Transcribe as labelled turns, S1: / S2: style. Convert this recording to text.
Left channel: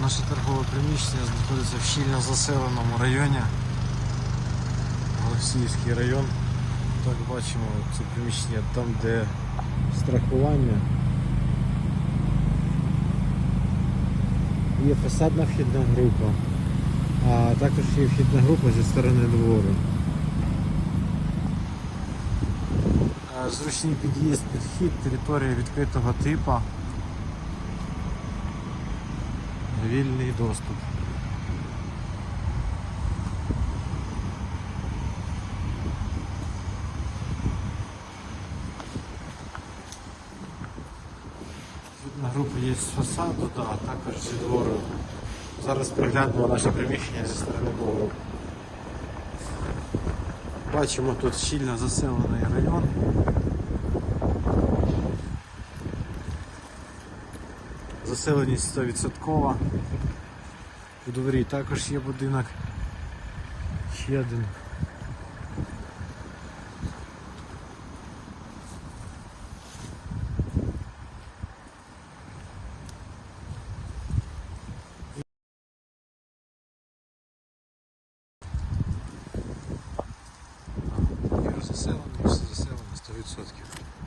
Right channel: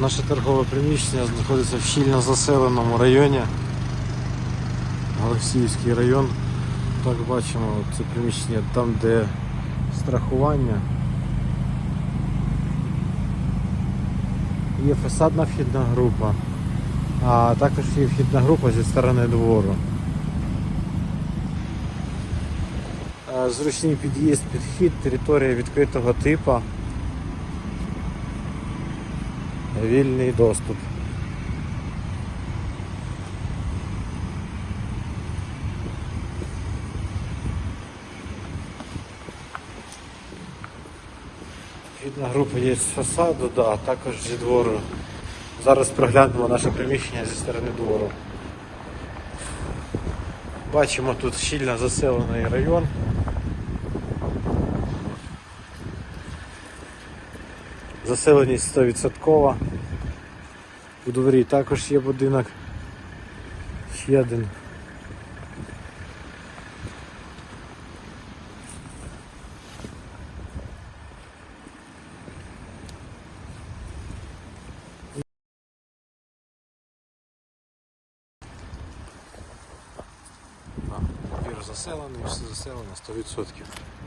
S1: Наше торгове приміщення знаходиться в щільно заселеному районі. Голосіївський район. Так бачимо, це приміщення там, де страхування. Є фасадна вхідна група, а також є вхідна група зі сторони двору. Е, Зручний під'їзд, підхід, територія відкритого типу. Вільний доступ. Вхідна група є з фасаду, да, також зі двору. Зараз проглянемо наше приміщення зі сторони двору. Бачимо тут щільно заселений район. Заселеність 100%. У дворі також є будинок. Ще один. Двір заселений, все заселено 100%.